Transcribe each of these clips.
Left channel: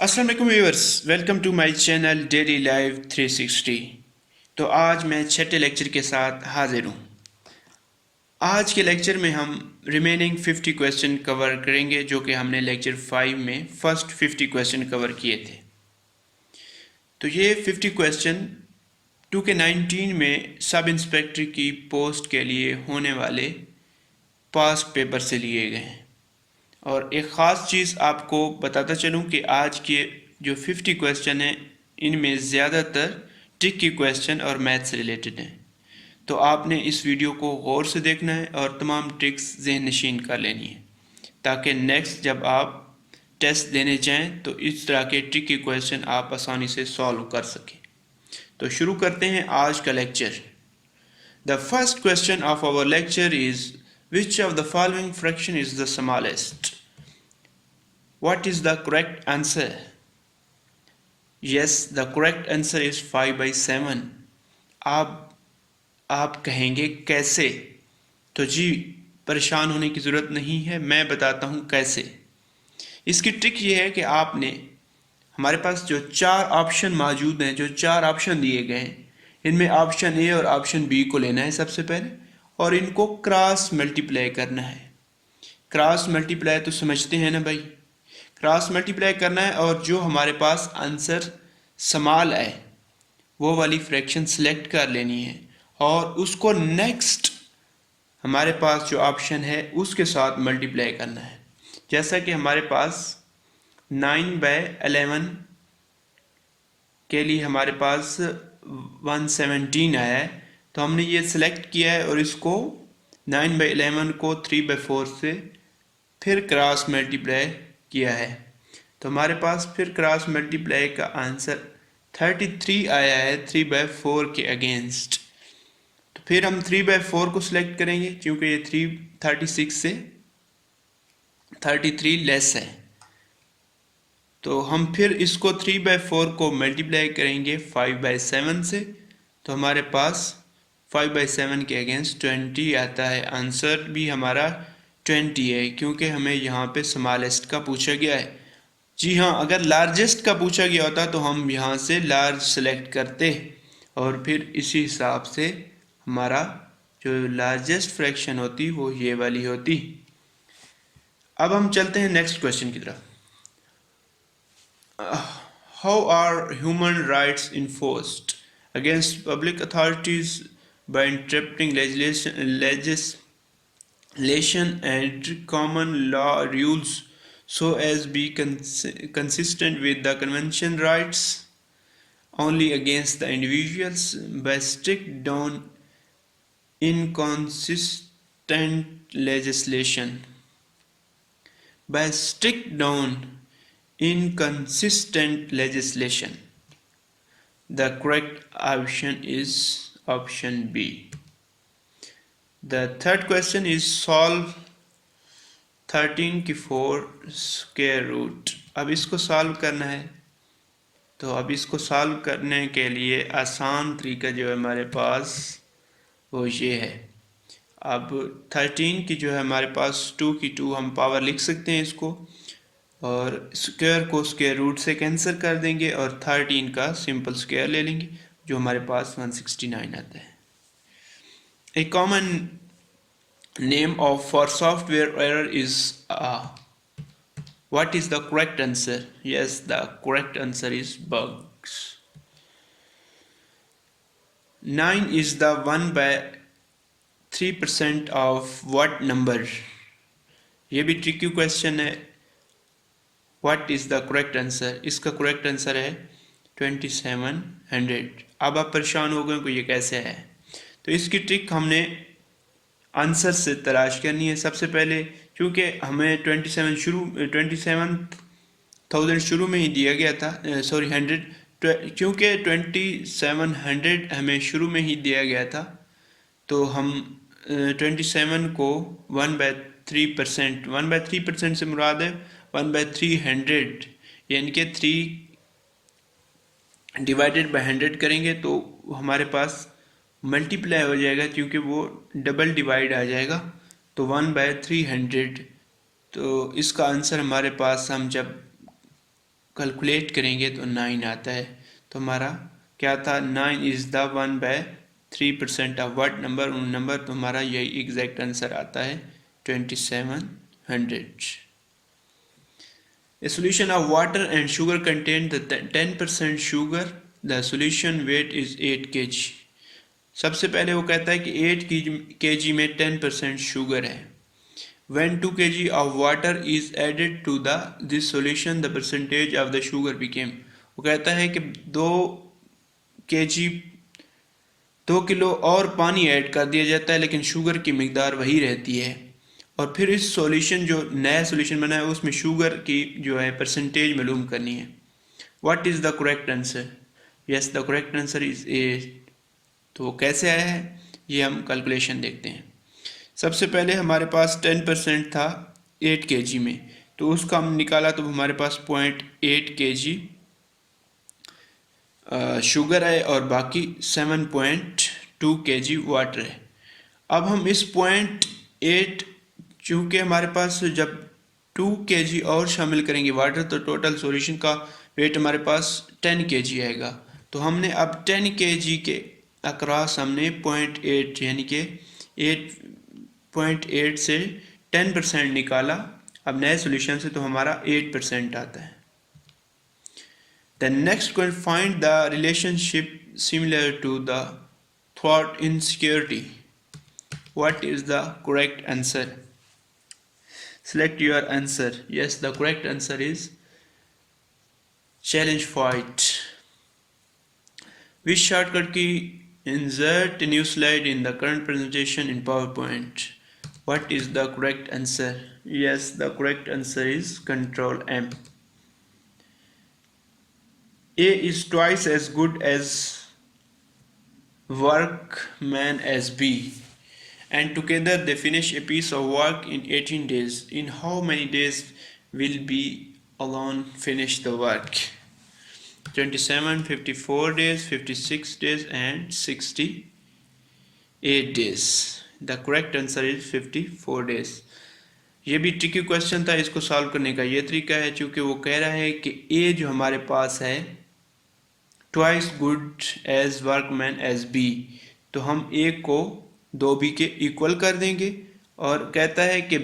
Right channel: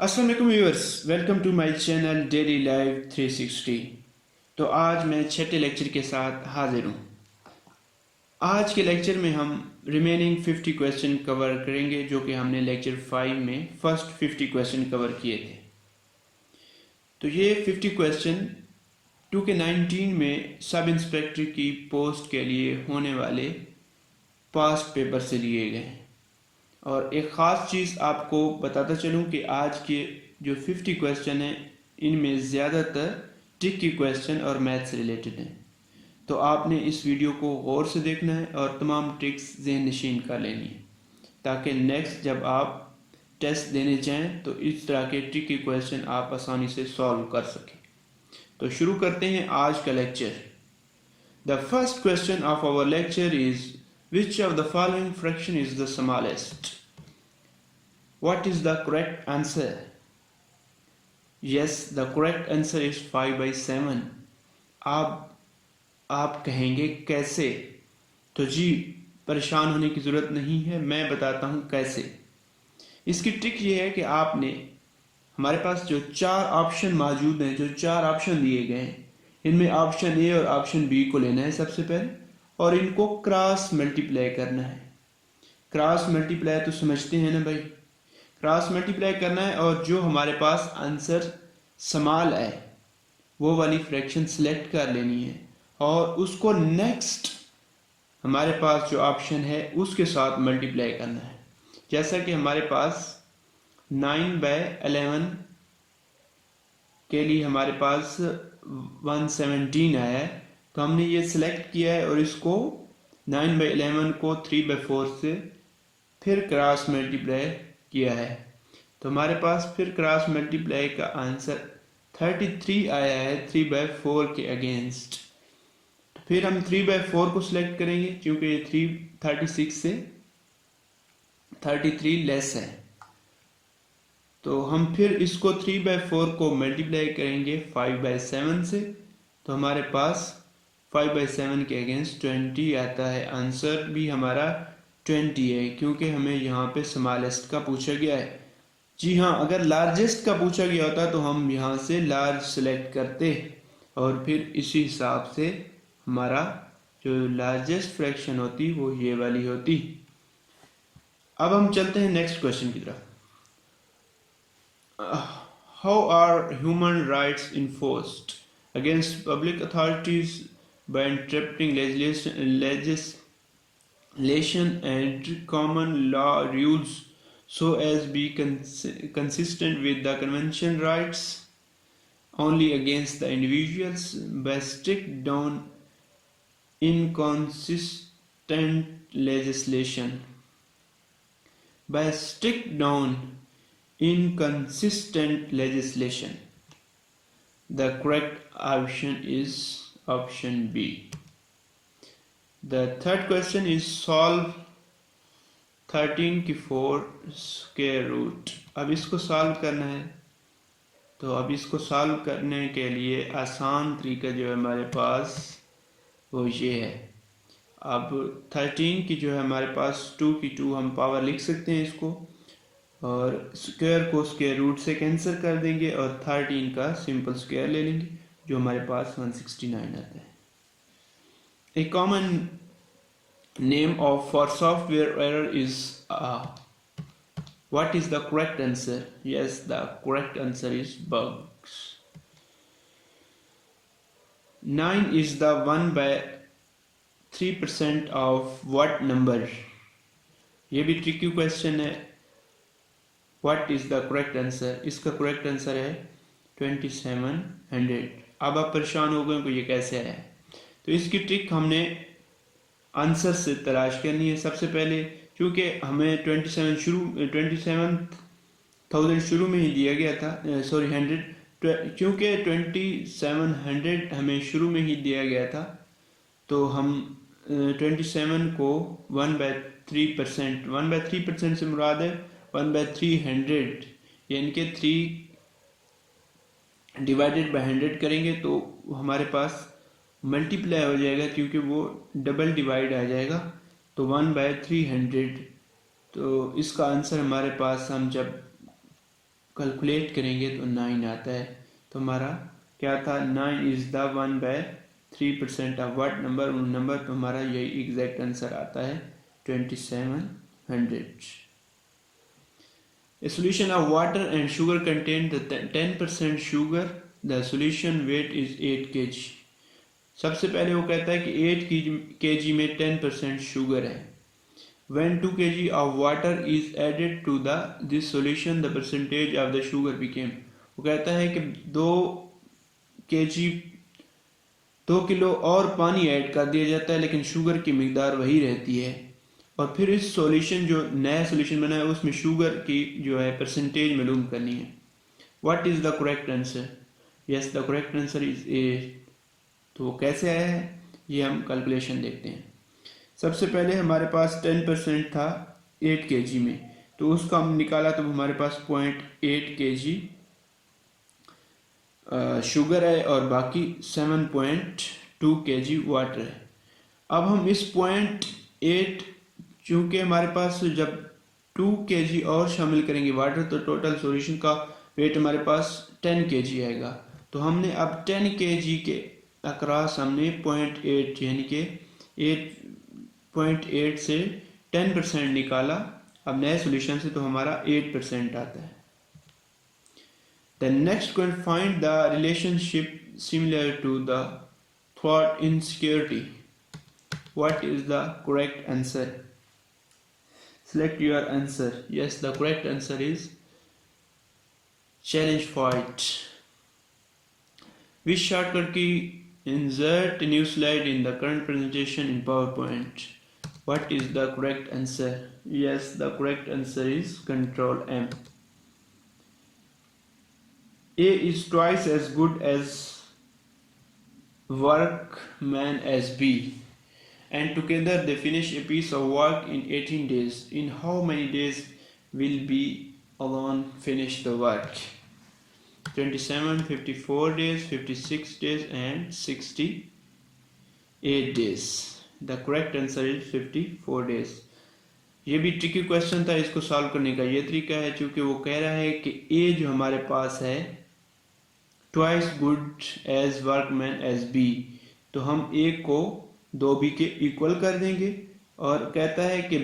अस्सलाम वालेकुम viewers, welcome to my channel daily live 360। तो आज मैं छठे लेक्चर के साथ हाजिर हूँ। आज के लेक्चर में हम रिमेनिंग 50 क्वेश्चन कवर करेंगे, जो कि हमने लेक्चर 5 में फर्स्ट 50 क्वेश्चन कवर किए थे। तो ये 50 क्वेश्चन 2K19 में सब इंस्पेक्टर की पोस्ट के लिए होने वाले पास्ट पेपर से लिए गए हैं। और एक ख़ास चीज़ आपको बताता चलूँ कि आज के जो 50 क्वेश्चन हैं, इनमें ज़्यादातर ट्रिक की क्वेश्चन और मैथ से रिलेटेड हैं। तो आपने इस वीडियो को गौर से देखना है और तमाम ट्रिक्स ज़हन नशीन कर लेनी है, ताकि नेक्स्ट जब आप टेस्ट देने जाएं तो इस तरह के ट्रिक की क्वेश्चन आप आसानी से सॉल्व कर सकें। तो शुरू करते हैं आज का lecture. The first question of our lecture is which of the following fraction is the smallest? What is the correct answer? Yes, the correct answer is 5/7. आप कहेंगे कैसे? तो जी, परेशान होने की ज़रूरत नहीं है, मैं बताता हूँ कैसे। इसकी ट्रिक ये है कि आपने हमारे पास जो चार ऑप्शन मौजूद हैं, जो चार ऑप्शन दिए गए हैं, इनमें ऑप्शन ए और ऑप्शन बी को लेना है सबसे पहले, और इनको क्रॉस मल्टीप्लाई करना है। क्रॉस मल्टीप्लाई तो समझते हैं ना भाई, क्रॉस मल्टीप्लाई करना है और जो हमारे पास आंसर स्मॉल है वो वाली फ्रैक्शन सेलेक्ट कर लेनी है और उसको नेक्स्ट हमारे पास जो ऑप्शन है उसके साथ मल्टीप्लाई करना है। जैसा कि हमारे पास 9/11 के लिए हमारे पास 117 आया है, तो हमने ये सिलेक्ट किया है और इसको 9/11 को 3/4 से फिर क्रॉस मल्टीप्लाई किया है। तो हमारे पास फिर क्रॉस मल्टीप्लाई का आंसर 33 आया है 3/4 के अगेंस्ट। तो फिर हम 3/4 को सिलेक्ट करेंगे, क्योंकि ये 36 से 33 लेस है। तो हम फिर इसको 3/4 को मल्टीप्लाई करेंगे 5/7 से, तो हमारे पास 5/7 के अगेंस्ट 20 आता है। आंसर भी हमारा 20 है, क्योंकि हमें यहाँ पे स्मॉलेस्ट का पूछा गया है। जी हाँ, अगर लार्जेस्ट का पूछा गया होता तो हम यहाँ से लार्ज सेलेक्ट करते और फिर इसी हिसाब से हमारा जो लार्जेस्ट फ्रैक्शन होती वो ये वाली होती। अब हम चलते हैं नेक्स्ट क्वेश्चन की तरफ। How are human rights enforced against public authorities by interpreting legislation and common law rules so as be consistent with the convention rights only against the individuals by strict down inconsistent legislation. By strict down inconsistent legislation. The correct option is option B. The third question is solve 13 की 4 square root. अब इसको solve करना है, तो अब इसको solve करने के लिए आसान तरीका जो है हमारे पास वो ये है। अब 13 की जो है हमारे पास 2 की 2 हम पावर लिख सकते हैं इसको, और स्क्वायर को स्क्वायर रूट से कैंसिल कर देंगे और 13 का सिंपल स्क्वायर ले लेंगे, जो हमारे पास 169 आता है। A common name of for software error is what is the correct answer? Yes, the correct answer is bugs. 9 is the 1/3% of what number? ये भी ट्रिकी क्वेश्चन है। What is the correct answer? इसका correct answer है 2700। अब आप परेशान हो गए कि ये कैसे है, तो इसकी ट्रिक हमने आंसर से तलाश करनी है सबसे पहले, क्योंकि हमें 27,000 शुरू में ही दिया गया था, 100, क्योंकि 2700 हमें शुरू में ही दिया गया था, तो हम 27 को 1/3%, 1/3% से मुराद है 1/300, यानी कि 3 डिवाइडेड बाय 100 करेंगे तो हमारे पास मल्टीप्लाई हो जाएगा, क्योंकि वो डबल डिवाइड आ जाएगा, तो 1/300। तो इसका आंसर हमारे पास हम जब कैलकुलेट करेंगे तो 9 आता है। तो हमारा क्या था, 9 is the 1/3% of what number, उन नंबर तो हमारा यही एग्जैक्ट आंसर आता है 2700। A solution of water and sugar contains the 10% sugar. The solution weight is 8 kg. सबसे पहले वो कहता है कि 8 kg में 10% शुगर है। When 2 kg of water is added to this solution, the percentage of the sugar became. वो कहता है कि 2 किलो और पानी ऐड कर दिया जाता है लेकिन शुगर की मिकदार वही रहती है। और फिर इस सॉल्यूशन जो नया सॉल्यूशन बना है उसमें शुगर की जो है परसेंटेज मालूम करनी है। What is the correct answer? Yes, the correct answer is 8। तो वो कैसे आया है ये हम कैलकुलेशन देखते हैं। सबसे पहले हमारे पास 10% था 8 kg में, तो उसका हम निकाला तो हमारे पास 0.8 kg शुगर है और बाकी 7.2 kg वाटर है। अब हम इस 0.8, चूँकि हमारे पास जब 2 kg और शामिल करेंगे वाटर तो टोटल सॉल्यूशन का वेट हमारे पास 10 kg आएगा। तो हमने अब 10 kg के अक्रॉस हमने 0.8 यानी कि 8.8 से 10% निकाला। अब नए सॉल्यूशन से तो हमारा 8% आता है। The next question, find the relationship similar to the thought insecurity. What is the correct answer? Select your answer. Yes, the correct answer is challenge fight. Which shortcut key insert a new slide in the current presentation in PowerPoint? What is the correct answer? Yes, the correct answer is Control M. A is twice as good as workman as B, and together they finish a piece of work in 18 days. In how many days will B alone finish the work? 27, 54 days, 56 days and 68 days. The correct answer is 54 days. ये भी tricky question था, इसको solve करने का ये तरीका है, चूँकि वो कह रहा है कि ए जो हमारे पास है twice good as workman as B, तो हम ए को 2b के इक्वल कर देंगे। और कहता है कि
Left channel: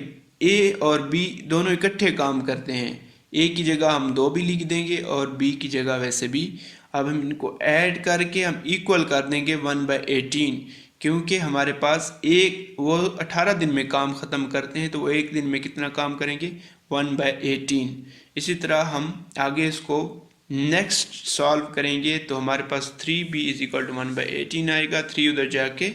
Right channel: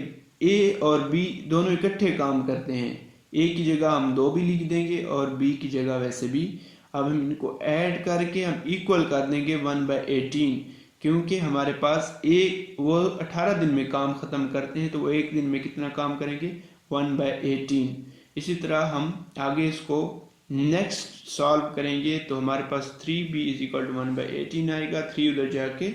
ए और बी दोनों इकट्ठे काम करते हैं, ए की जगह हम 2b लिख देंगे और बी की जगह वैसे भी। अब हम इनको ऐड करके हम इक्वल कर देंगे 1/18, क्योंकि हमारे पास एक वो 18 दिन में काम ख़त्म करते हैं तो वो एक दिन में कितना काम करेंगे 1/18। इसी तरह हम आगे इसको नेक्स्ट सॉल्व करेंगे तो हमारे पास 3b = 1/18 आएगा। 3 उधर जाके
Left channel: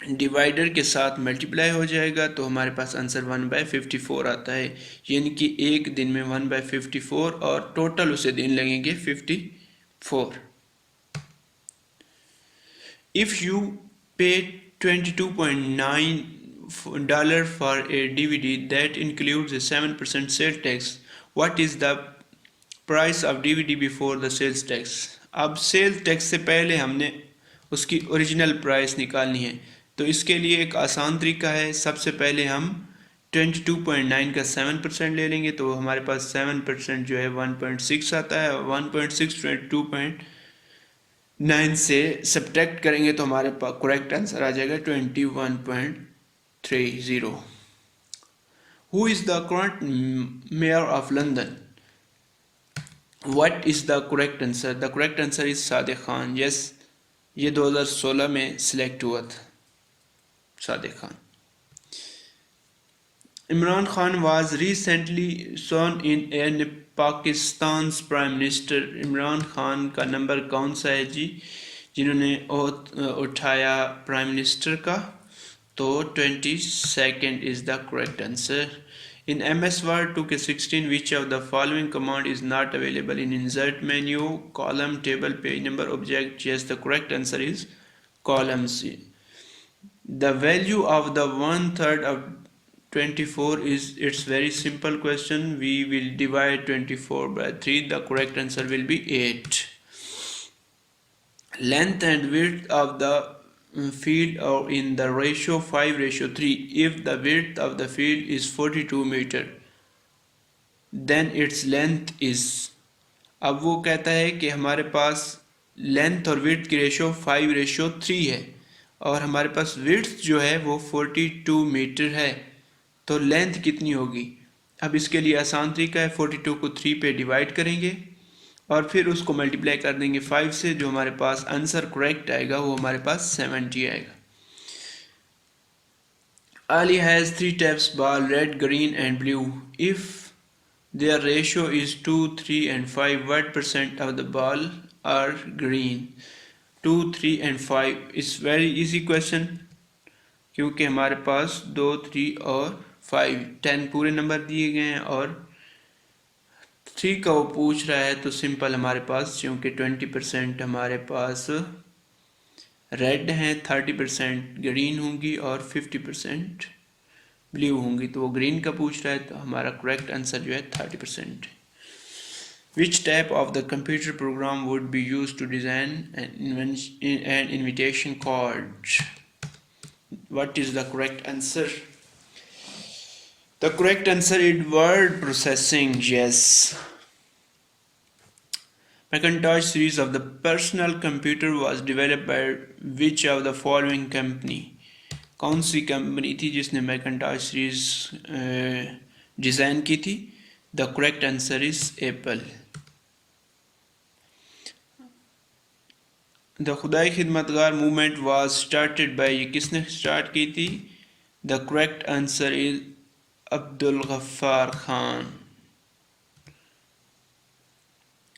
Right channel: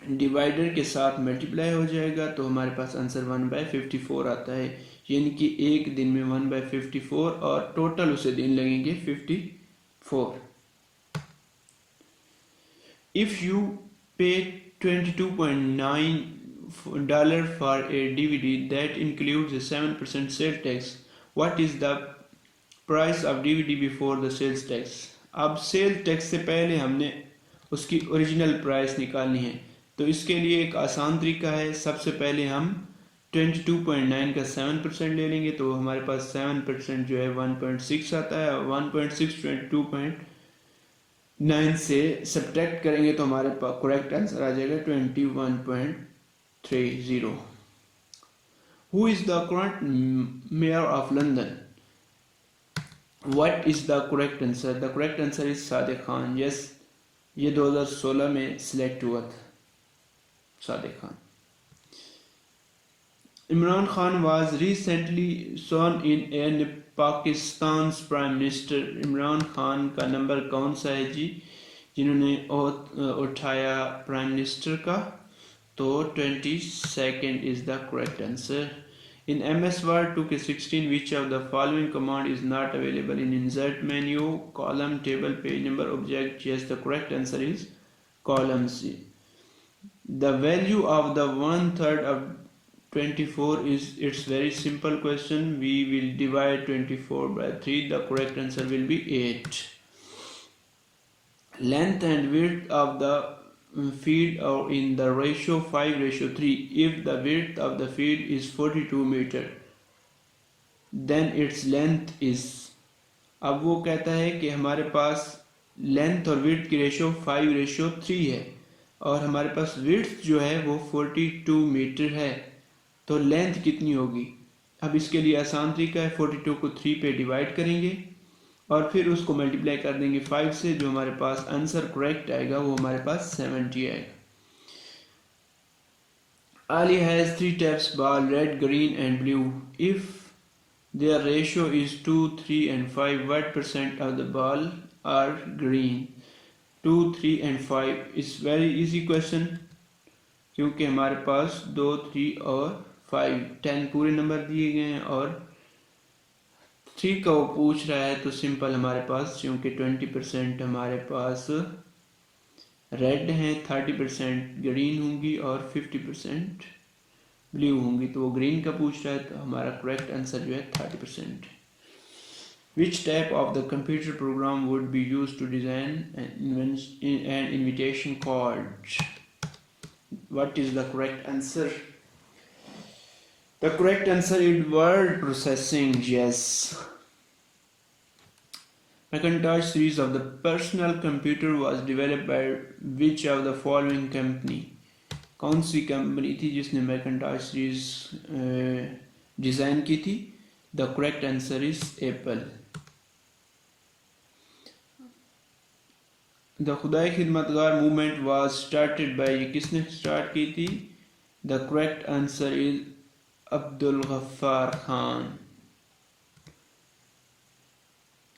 डिवाइडर के साथ मल्टीप्लाई हो जाएगा तो हमारे पास आंसर 1/54 आता है, यानी कि एक दिन में 1/54 और टोटल उसे दिन लगेंगे 54। If you pay $22.9 for a DVD that includes a 7% sales tax, what is the price of DVD before the sales tax? अब सेल टैक्स से पहले हमने उसकी ओरिजिनल प्राइस निकालनी है, तो इसके लिए एक आसान तरीका है। सबसे पहले हम 22.9 का 7% ले लेंगे तो हमारे पास 7% जो है 1.6 आता है। 1.6 22.9 से सब्ट्रैक्ट करेंगे तो हमारे पास करेक्ट आंसर आ जाएगा 21.30। Who is the current mayor of London? What is the correct answer? The correct answer is Sadiq Khan. Yes, ये 2016 में सिलेक्ट हुआ था Sadiq Khan. Imran Khan was recently sworn in Pakistan prime minister. Imran Khan का नंबर कौन सा है जी जिन्होंने उठाया प्राइम मिनिस्टर का? तो 22nd is the correct answer. In MS Word 2K16, which of the following command is not available in insert menu, column, table, page number, object? Yes, the correct answer is column C. The value of the 1/3 of 24 is, it's very simple question. We will divide 24 by 3. The correct answer will be 8. Length and width of the field are in the ratio 5:3. If the width of the field is 42 meter, then its length is. अब वो कहता है कि हमारे पास length और width की ratio 5:3 है और हमारे पास विड्थ जो है वो 42 मीटर है, तो लेंथ कितनी होगी। अब इसके लिए आसान तरीका है, 42 को 3 पे डिवाइड करेंगे और फिर उसको मल्टीप्लाई कर देंगे 5 से, जो हमारे पास आंसर करेक्ट आएगा वो हमारे पास 70 आएगा। Ali has 3 taps ball, red, green and blue. If their ratio is 2, 3 and 5, what percent of the ball are green? 2, 3 and 5 is very easy question, क्योंकि हमारे पास 2, 3 और 5 10 पूरे नंबर दिए गए हैं और 3 का वो पूछ रहा है, तो सिंपल हमारे पास क्योंकि 20% हमारे पास रेड हैं, 30% ग्रीन होंगी और 50% ब्लू होंगी, तो वो ग्रीन का पूछ रहा है, तो हमारा करेक्ट आंसर जो है 30%। Which type of the computer program would be used to design an invitation card? What is the correct answer? The correct answer is word processing. Yes. Macintosh series of the personal computer was developed by which of the following company? कौन सी company थी जिसने मैकिन्टॉश series design की थी? The correct answer is Apple. The Khudai Khidmatgar movement was started by, ये किसने start की थी? The correct answer is Abdul Ghaffar Khan.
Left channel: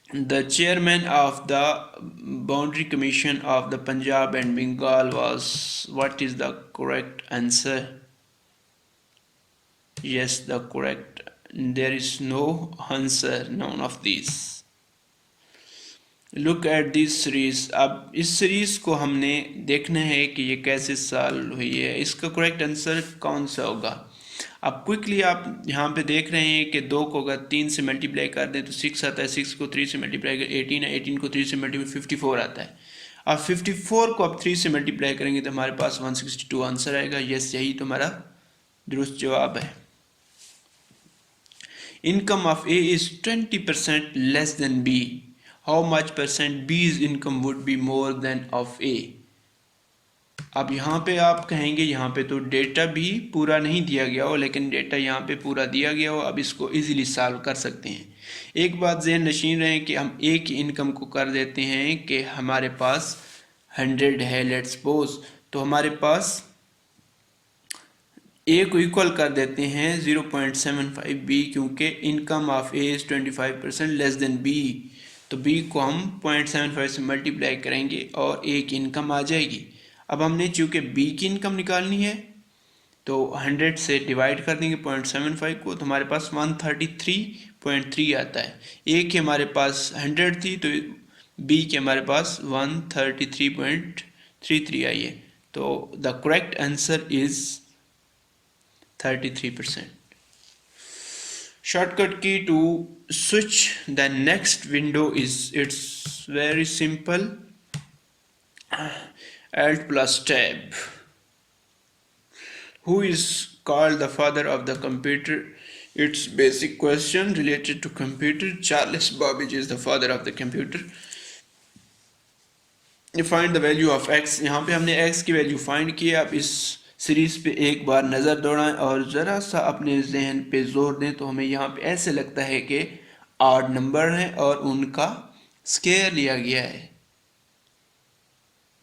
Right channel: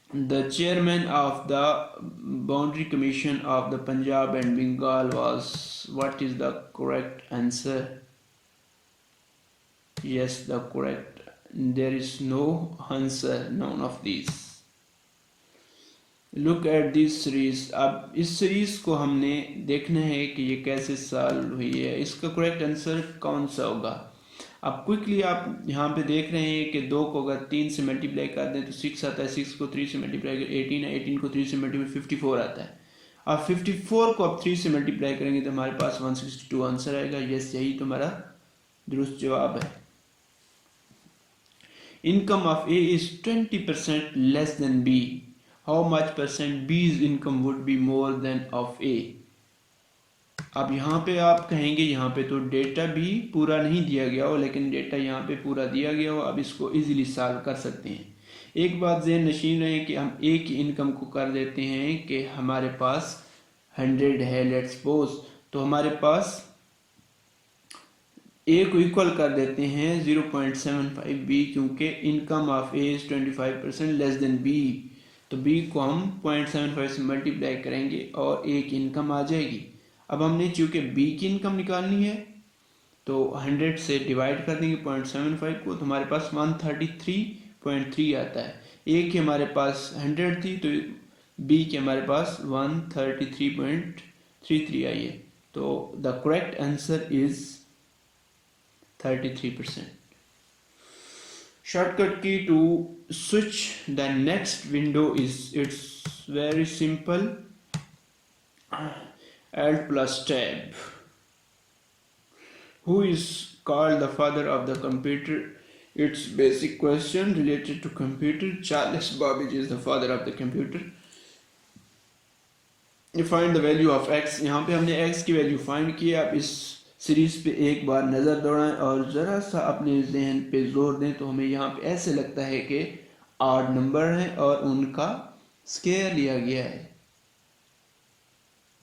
The chairman of the Boundary Commission of the Punjab and Bengal was, what is the correct answer? Yes, the correct, there is no answer, none of these. Look at this series. अब इस series को हमने देखना है कि ये कैसे solve हुई है, इसका करेक्ट आंसर कौन सा होगा। अब क्विकली आप यहाँ पे देख रहे हैं कि 2 को अगर 3 से मल्टीप्लाई कर दें तो 6 आता है, 6 को 3 से मल्टीप्लाई कर 18 है, 18 को 3 से मल्टीप्लाई 54 आता है। अब 54 को आप 3 से मल्टीप्लाई करेंगे तो हमारे पास 162 आंसर आएगा। यस, यही तो हमारा दुरुस्त जवाब है। Income of A is 20% less than B, how much percent B's income would be more than of A. अब यहाँ पे आप कहेंगे यहाँ पे तो डेटा भी पूरा नहीं दिया गया हो, लेकिन डेटा यहाँ पे पूरा दिया गया हो। अब इसको इजीली सॉल्व कर सकते हैं। एक बात ज़हन नशीन रहे कि हम ए की इनकम को कर देते हैं कि हमारे पास 100 है, लेट्स सपोज, तो हमारे पास ए को इक्वल कर देते हैं 0.75 बी, क्योंकि income of A is 25% less than B, तो बी को हम 0.75 से मल्टीप्लाई करेंगे और ए की इनकम आ जाएगी। अब हमने चूँकि बी की इनकम निकालनी है तो 100 से डिवाइड कर देंगे 0.75 को, तो हमारे पास 133.3 आता है। ए की हमारे पास 100 थी तो बी के हमारे पास 133.33 आई है, तो the correct answer is 33%। Shortcut key to switch the next window is, it's very simple, Alt plus Tab. Who is called the father of the computer? It's basic question related to computer. Charles Babbage is the father of the computer. You find the value of x. यहाँ पे हमने x की value find की। आप इस series पे एक बार नज़र दौड़ाएं और ज़रा सा अपने जहन पे जोर दें तो हमें यहाँ पे ऐसे लगता है कि 8 नंबर हैं और उनका स्क्वायर लिया गया है।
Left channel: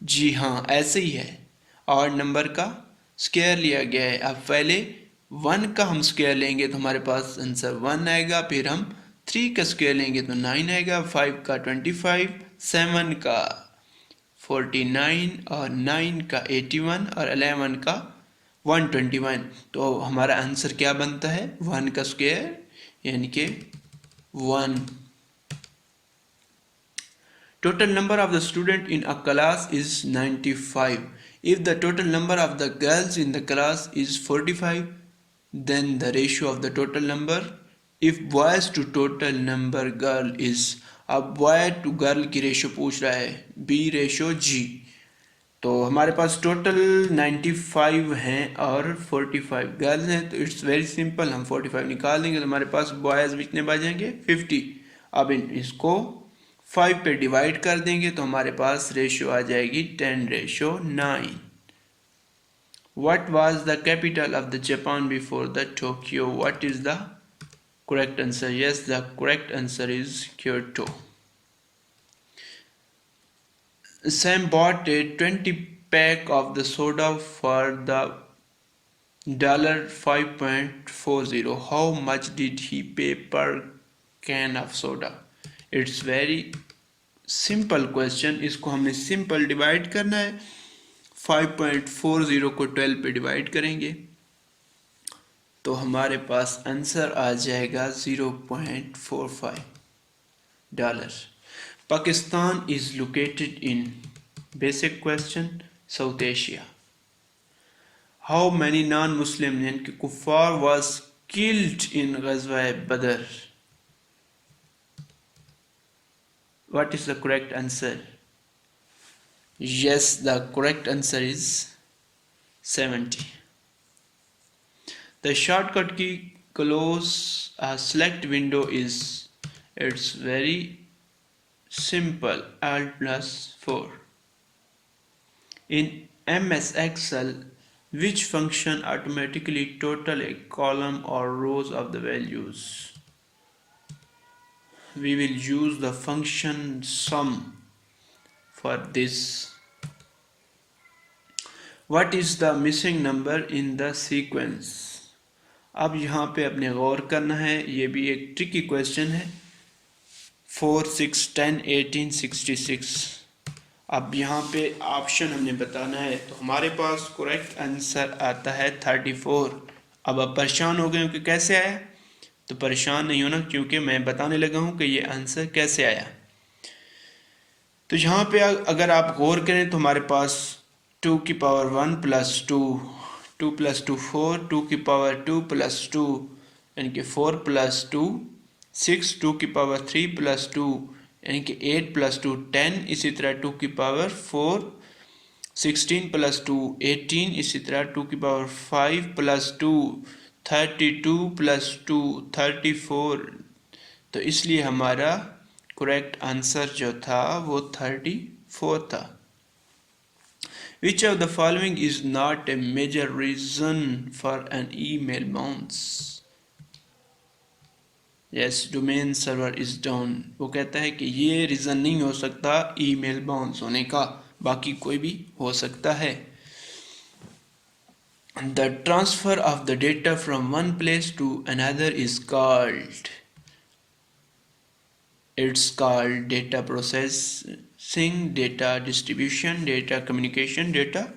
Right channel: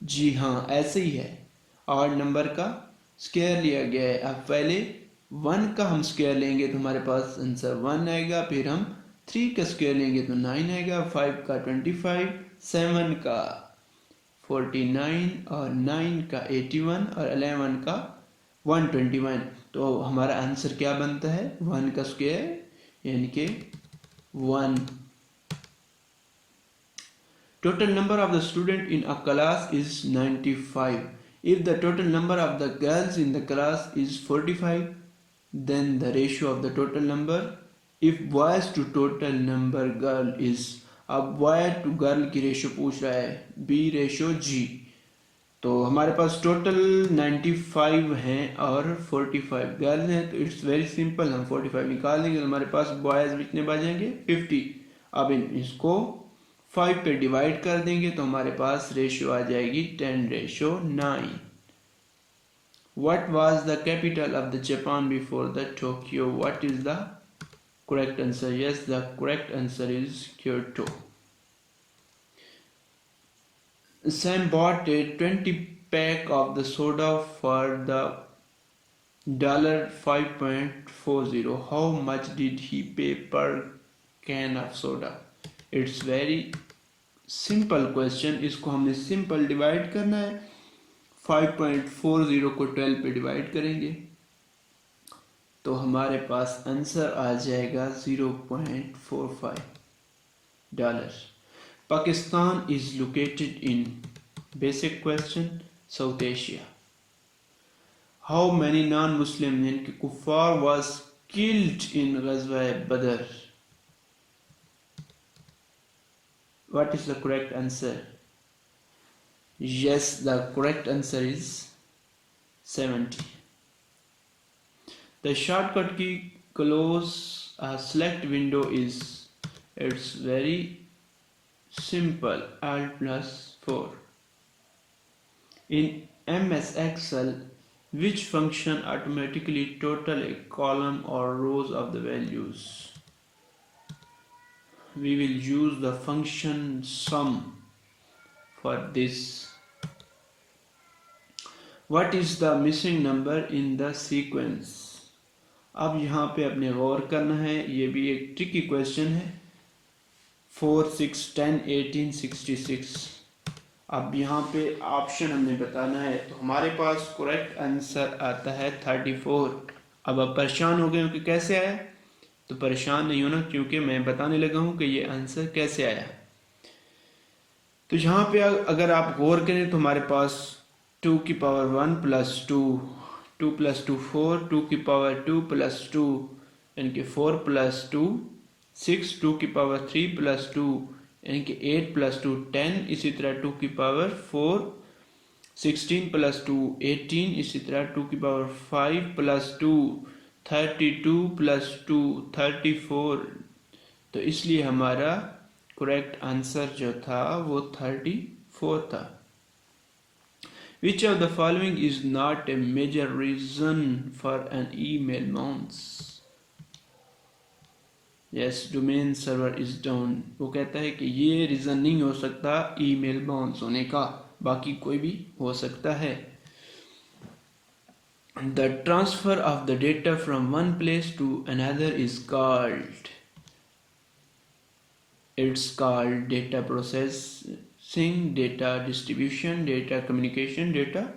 जी हाँ, ऐसे ही है, 8 नंबर का स्क्वायर लिया गया है। अब पहले 1 का हम स्क्वायर लेंगे तो हमारे पास आंसर 1 आएगा, फिर हम 3 का स्क्वायर लेंगे तो 9 आएगा, 5 का 25, 7 का 49 और 9 का 81 और 11 का 121। तो हमारा आंसर क्या बनता है? 1 का स्क्वायर यानी कि 1। Total number of the student in a class is 95. If the total number of the girls in the class is 45, then the ratio of the total number, if boys to total number girl is, अब boy to girl की ratio पूछ रहा है, B ratio जी, तो हमारे पास total 95 हैं और 45 girls हैं, तो इट्स वेरी सिंपल, हम 45 निकाल देंगे तो हमारे पास बॉयज़ कितने बचेंगे 50। अब इसको 5 पे डिवाइड कर देंगे तो हमारे पास रेशियो आ जाएगी 10:9। What was the capital of the Japan before the Tokyo? What is the correct answer? Yes, the correct answer is Kyoto. Sam bought a 20 pack of the soda for the $5.40. How much did he pay per can of soda? It's very simple question. इसको हमने simple divide करना है। 5.40 को 12 पे divide करेंगे तो हमारे पास answer आ जाएगा $0.45। Pakistan is located in, basic question, south Asia. How many non Muslim यानी कि कुफार वाज किल्ड इन गज़वा बदर? What is the correct answer? Yes, the correct answer is 70. The shortcut key close a select window is, it's very simple, Alt+4. In MS Excel, which function automatically total a column or rows of the values? We will use the function sum for this. What is the missing number in the sequence? अब यहाँ पे अपने गौर करना है, ये भी एक tricky question है। 4, 6, 10, 18, 66। अब यहाँ पे ऑप्शन हमने बताना है तो हमारे पास करेक्ट आंसर आता है 34। अब आप परेशान हो गए हो कि कैसे आया, तो परेशान नहीं होना क्योंकि मैं बताने लगा हूँ कि ये आंसर कैसे आया। तो यहाँ पे अगर आप गौर करें तो हमारे पास 2 की पावर 1 + 2, 2 + 2 4, 2 की पावर 2 + 2 यानी कि 4 + 2 6, 2 की पावर 3 + 2 यानी कि 8 + 2 10, इसी तरह 2 की पावर 4 16 + 2 18, इसी तरह 2 की पावर 5 + 2 32 + 2 34। तो इसलिए हमारा करेक्ट आंसर जो था वो 34 था। Which of the following is not a major reason for an email bounce? Yes, domain server is down. वो कहता है कि ये रीज़न नहीं हो सकता ईमेल बाउंस होने का, बाकी कोई भी हो सकता है। The transfer of the data from one place to another is called, it's called data processing, data distribution, data communication, data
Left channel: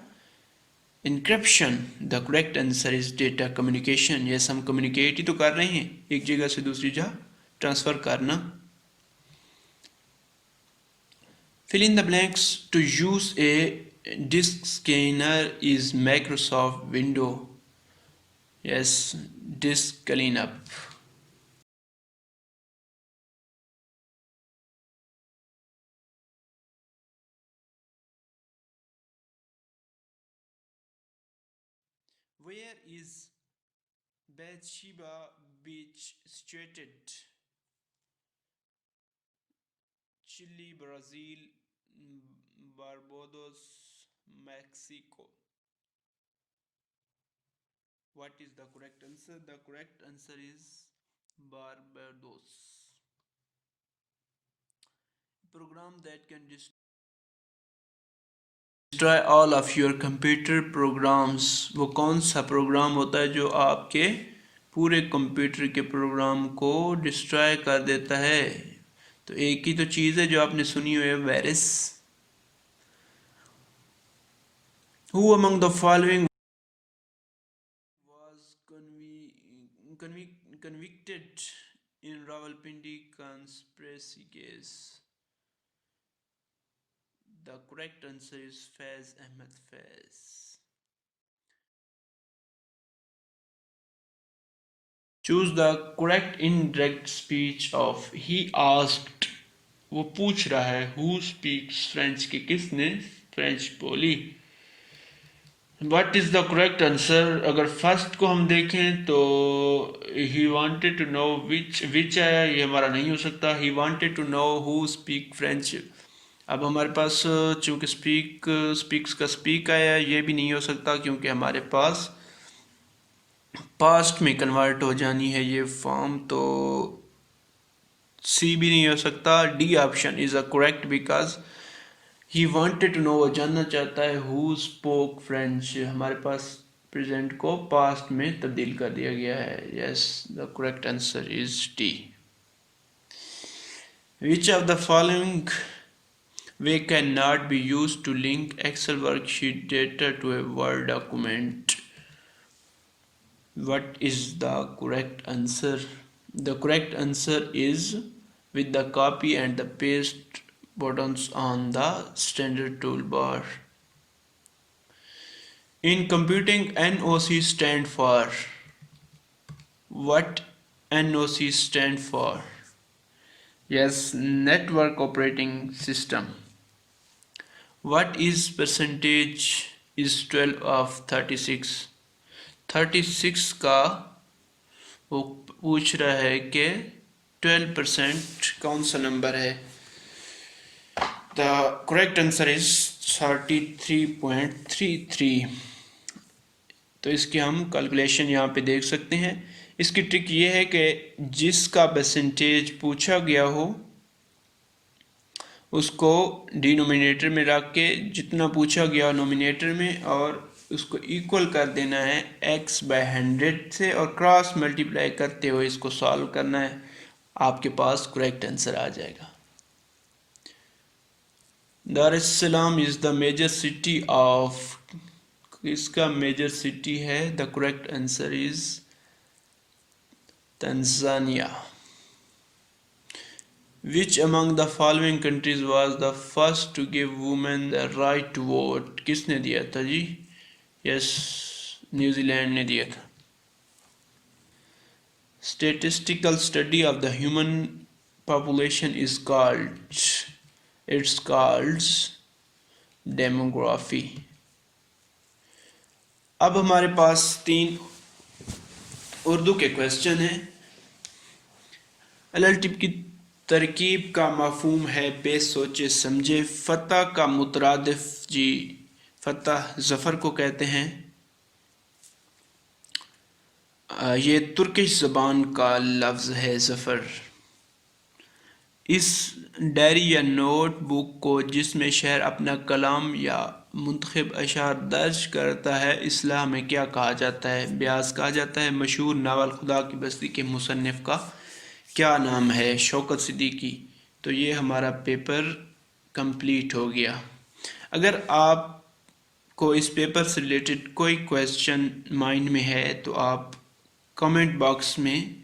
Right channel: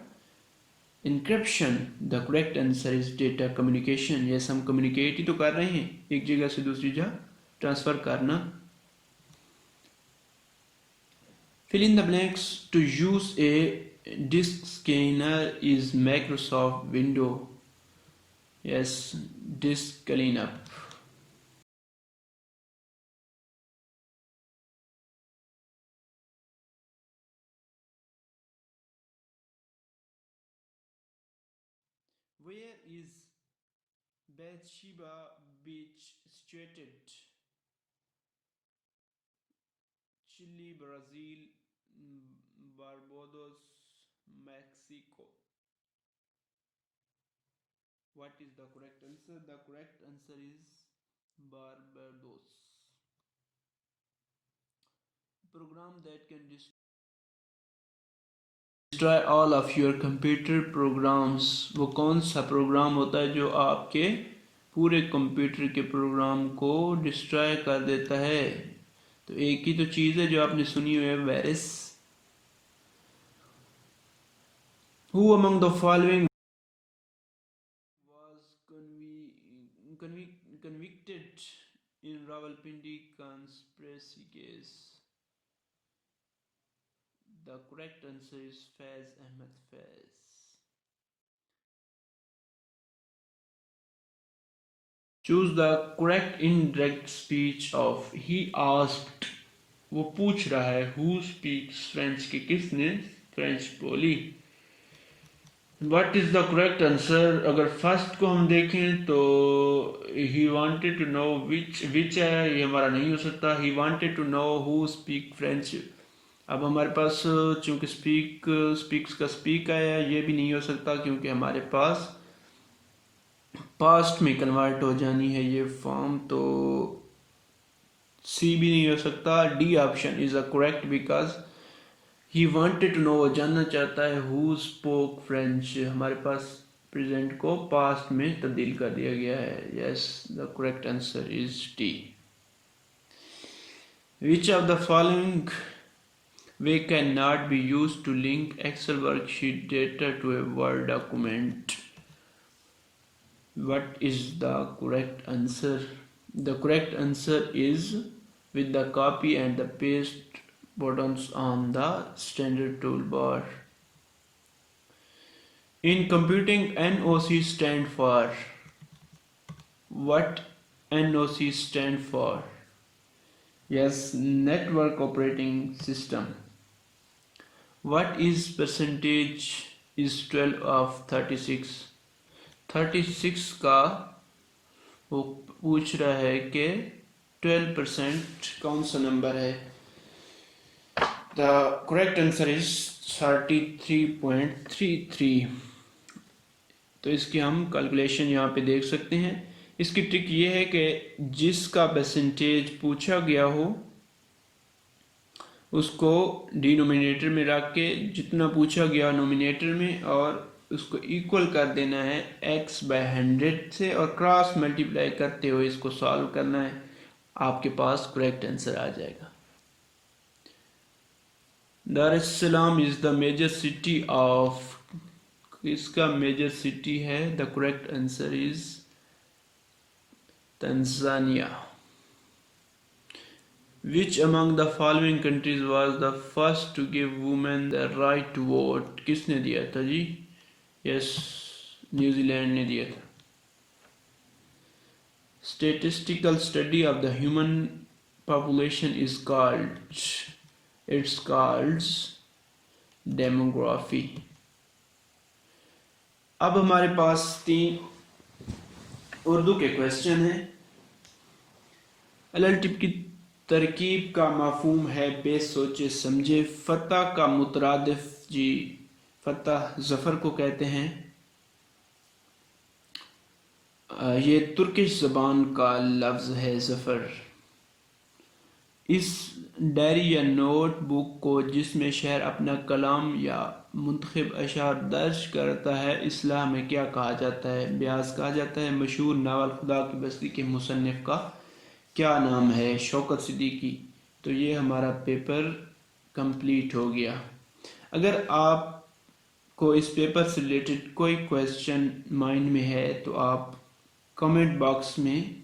encryption. The correct answer is data communication. yes, हम communicate ही तो कर रहे हैं, एक जगह से दूसरी जगह ट्रांसफर करना। Fill in the blanks. To use a disk scanner is Microsoft Window. Yes, disk cleanup. Where is Bathsheba Beach situated? Chile, Brazil, Barbados, Mexico. What is the correct answer? The correct answer is Barbados. Program that can destroy all of your computer programs. वो कौन सा programme होता है जो आपके पूरे computer के programme को डिस्ट्रॉय कर देता है? तो एक ही तो चीज़ है जो आपने सुनी हुई है, virus. Who among the following was convicted in Rawalpindi conspiracy case? The correct answer is Faiz Ahmed Faiz. Choose the correct indirect speech of he asked. वो पूछ रहा है who speaks French, कि किसने फ्रेंच बोली। What is the correct answer? अगर first को हम देखें तो he wanted to know which है, ये हमारा नहीं हो सकता। He wanted to know who speak French, अब हमारे पास चूँकि स्पीक्स का स्पीक आया, ये भी नहीं हो सकता क्योंकि हमारे पास पास्ट में कन्वर्ट हो जानी है ये फॉर्म, तो सी भी नहीं हो सकता। D option is a correct because he wanted to know, वो जानना चाहता है हु स्पोक फ्रेंच, हमारे पास प्रेजेंट को पास्ट में तब्दील कर दिया गया है। Yes, the correct answer is D. Which of the following way can not be use to link Excel worksheet data to a Word document? What is the correct answer? The correct answer is with the copy and the paste buttons on the standard toolbar. In computing, NOC stand for what? NOC stand for, yes, network operating system. What is percentage is 12 of 36? 36 का वो पूछ रहा है कि 12% कौन सा number है? The correct answer is 33.33। तो इसकी हम कैलकुलेशन यहाँ पे देख सकते हैं। इसकी ट्रिक ये है कि जिसका परसेंटेज पूछा गया हो उसको डिनोमिनेटर में रख के जितना पूछा गया नोमिनेटर में, और उसको इक्वल कर देना है x बाय 100 से, और क्रॉस मल्टीप्लाई करते हुए इसको सॉल्व करना है, आपके पास करेक्ट आंसर आ जाएगा। Dar es Salaam is the major city of, इसका मेजर सिटी है, the correct answer is Tanzania. Which among the following countries was the first to give women the right to vote? किसने दिया था जी? Yes, New Zealand ने दिया था। Statistical study of the human population is called, it's called demography। अब हमारे पास 3 उर्दू के question हैं। एलएलटी की तरकीब का मफहूम है बेस सोचे समझे। फतह का मुतरादिफ जी, फतह ज़फ़र को कहते हैं। ये तुर्किश ज़बान का लफ्ज़ है ज़फ़र। इस डायरी या नोट बुक को जिसमें शहर अपना कलाम या मुंतखब अशार दर्ज करता है, इस्लाह में क्या कहा जाता है? ब्यास कहा जाता है। मशहूर नावल खुदा की बस्ती के मुसन्निफ़ का क्या नाम है? शौकत सिद्दीकी। तो ये हमारा पेपर कंप्लीट हो गया। अगर आपको इस पेपर से रिलेटेड कोई क्वेश्चन माइंड में है तो आप कमेंट बॉक्स में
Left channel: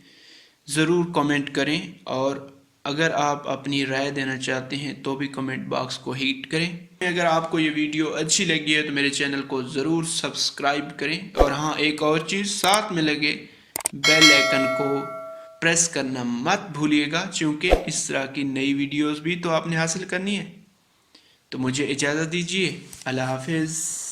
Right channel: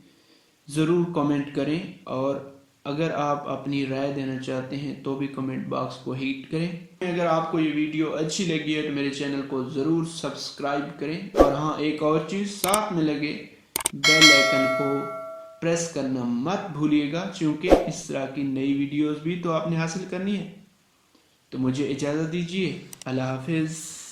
ज़रूर कमेंट करें, और अगर आप अपनी राय देना चाहते हैं तो भी कमेंट बॉक्स को हिट करें। अगर आपको ये वीडियो अच्छी लगी है तो मेरे चैनल को ज़रूर सब्सक्राइब करें, और हाँ, एक और चीज़, साथ में लगे बेल आइकन को प्रेस करना मत भूलिएगा, क्योंकि इस तरह की नई वीडियोस भी तो आपने हासिल करनी है। तो मुझे इजाज़त दीजिए, अल्लाह हाफिज़।